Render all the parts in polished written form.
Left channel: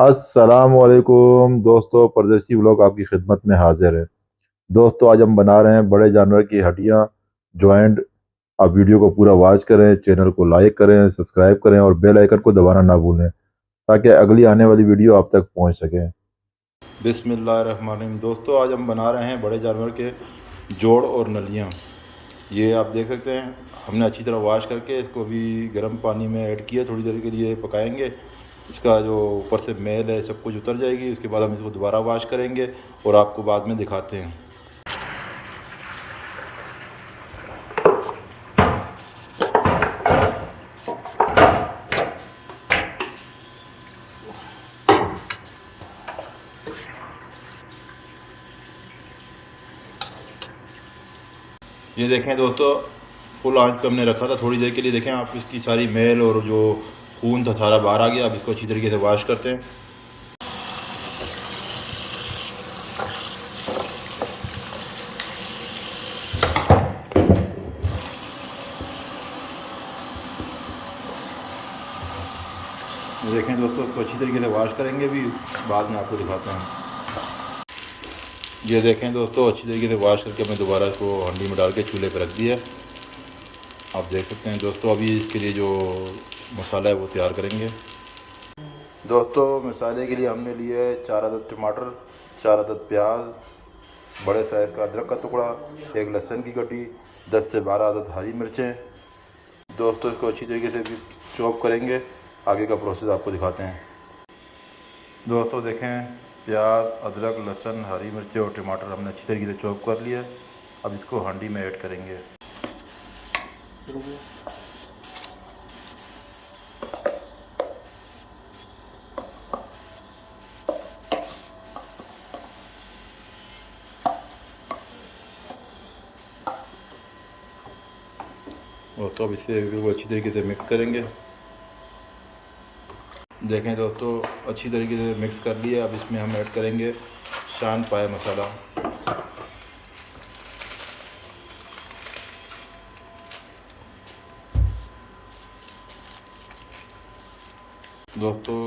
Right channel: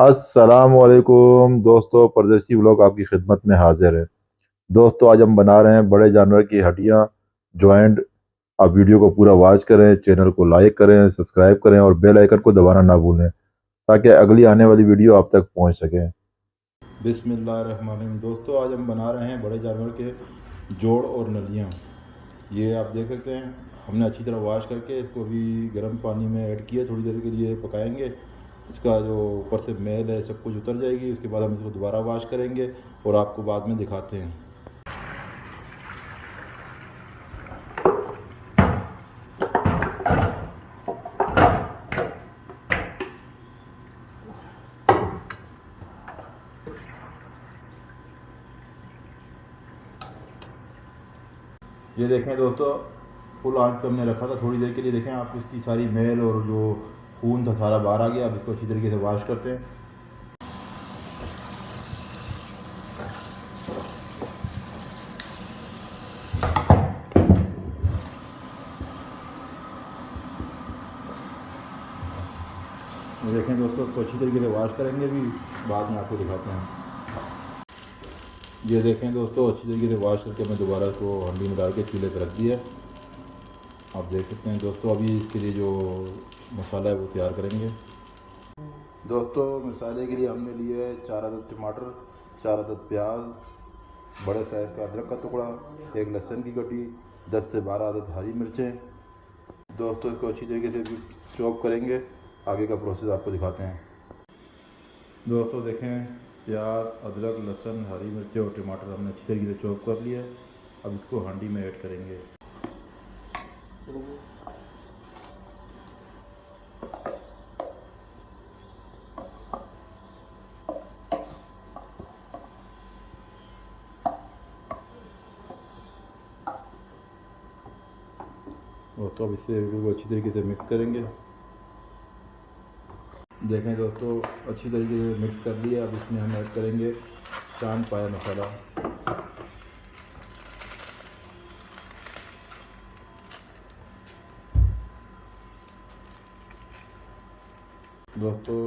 अस्सलामुअलैकुम दोस्तों, परदेसी व्लॉग आपकी खिदमत में हाजिर है। दोस्तों, आज हम बना रहे हैं बड़े जानवर की हड्डियां जॉइंट। आप वीडियो को पूरा वॉच करें, चैनल को लाइक करें, सब्सक्राइब करें और बेल आइकन को दबाना ना भूलें ताकि अगली आने वाली वीडियो आप तक पहुंच सके। बिस्मिल्लाहिर्रहमानिर्रहीम। दोस्तों, आज हम बना रहे हैं बड़े जानवर के जोड़ और नलियाँ। ये आप देख सकते हैं, हमने अच्छी तरह वॉश करके इसको भी गर्म पानी में ऐड किया, थोड़ी देर के लिए पकाएंगे। इसका जो ऊपर से मैल है सब कुछ उतर जाएगी। उसके बाद हम इसको दोबारा वॉश करेंगे और आपको बाद में दिखाते हैं। ये देखें दोस्तों, फुल आंच पे हमने रखा था थोड़ी देर के लिए। देखें आप, इसकी सारी मैल और जो खून था सारा बाहर आ गया। अब इसको अच्छी तरीके से वॉश करते हैं। ये देखें दोस्तों, इसको अच्छी तरीके से वॉश करेंगे, भी बाद में आपको दिखाते हैं। ये देखें दोस्तों, अच्छी तरीके से वॉश करके हमने दोबारा इसको हंडी में डाल के चूल्हे पर रख दिया। आप देख सकते हैं दोस्तों, अभी इसके लिए जो मसाला है वो तैयार करेंगे। दोस्तों, मसाले के लिए हमने लिए 4 अदद टमाटर, 4 अदद प्याज, बड़े साइज़ का अदरक का टुकड़ा, 1 लहसुन की गड्डी, 10 से 12 अदद हरी मिर्चें। दोस्तों, इसको अच्छी तरीके से चॉप करेंगे। आगे का प्रोसेस आपको दिखाते हैं। दोस्तों देखें, प्याज, अदरक, लहसुन, हरी मिर्चें और टमाटर हमने अच्छी तरीके से चॉप कर लिया। अब इसको हांडी में ऐड करेंगे। दोस्तों, अब इसे बिल्कुल अच्छी तरीके से मिक्स करेंगे। देखें दोस्तों, अच्छी तरीके से मिक्स कर लिया। अब इसमें हम ऐड करेंगे शान पाया मसाला। दोस्तों,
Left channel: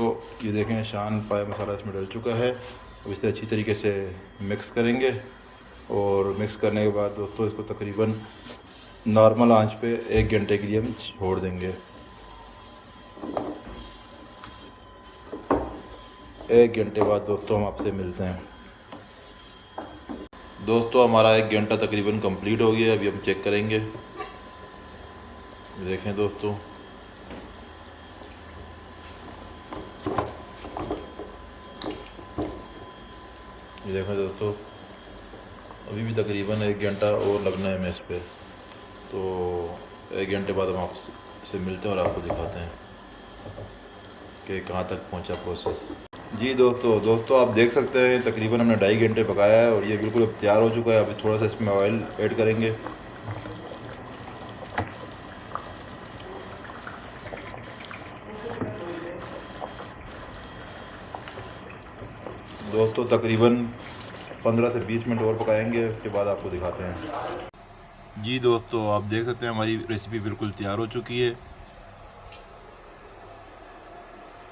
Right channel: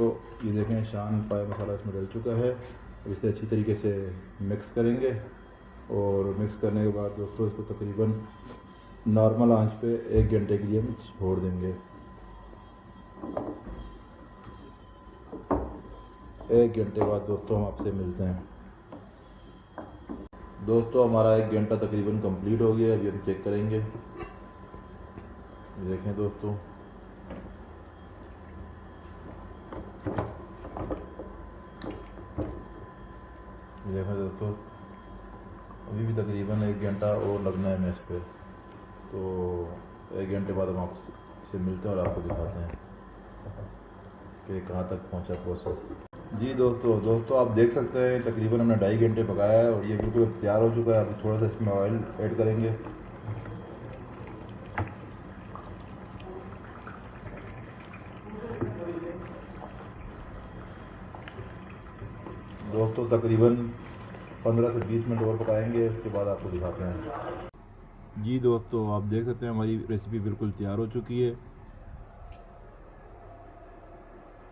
ये देखें, शान पाया मसाला इसमें डल चुका है। अब इसे अच्छी तरीके से मिक्स करेंगे और मिक्स करने के बाद दोस्तों इसको तकरीबन नॉर्मल आंच पे 1 घंटे के लिए हम छोड़ देंगे। 1 घंटे बाद दोस्तों हम आपसे मिलते हैं। दोस्तों, हमारा 1 घंटा तकरीबन कंप्लीट हो गया। अभी हम चेक करेंगे। देखें दोस्तों, ये देखें दोस्तों, अभी भी तकरीबन 1 घंटा और लगना है मेस पे। तो 1 घंटे बाद हम आपसे मिलते हैं और आपको दिखाते हैं कि कहाँ तक पहुँचा प्रोसेस। जी दोस्तों आप देख सकते हैं, तकरीबन हमने 2.5 घंटे पकाया है और ये बिल्कुल अब तैयार हो चुका है। अभी थोड़ा सा इसमें ऑयल ऐड करेंगे। दोस्तों, तकरीबन 15 से 20 मिनट और पकाएंगे, उसके बाद आपको दिखाते हैं। जी दोस्तों, आप देख सकते हैं हमारी रेसिपी बिल्कुल तैयार हो चुकी है।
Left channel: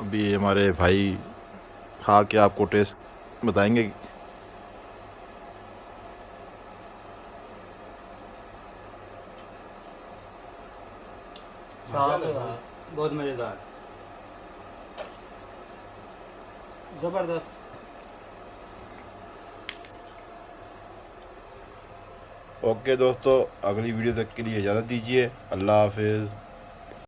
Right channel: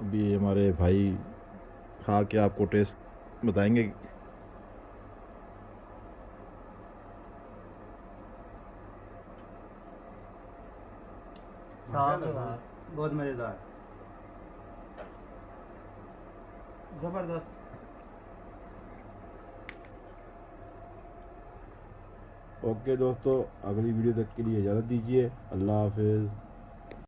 अभी हमारे भाई खा के आपको टेस्ट बताएंगे। बहुत मज़ेदार, ज़बरदस्त। ओके दोस्तों, अगली वीडियो तक के लिए इजाज़त दीजिए। अल्लाह हाफिज़।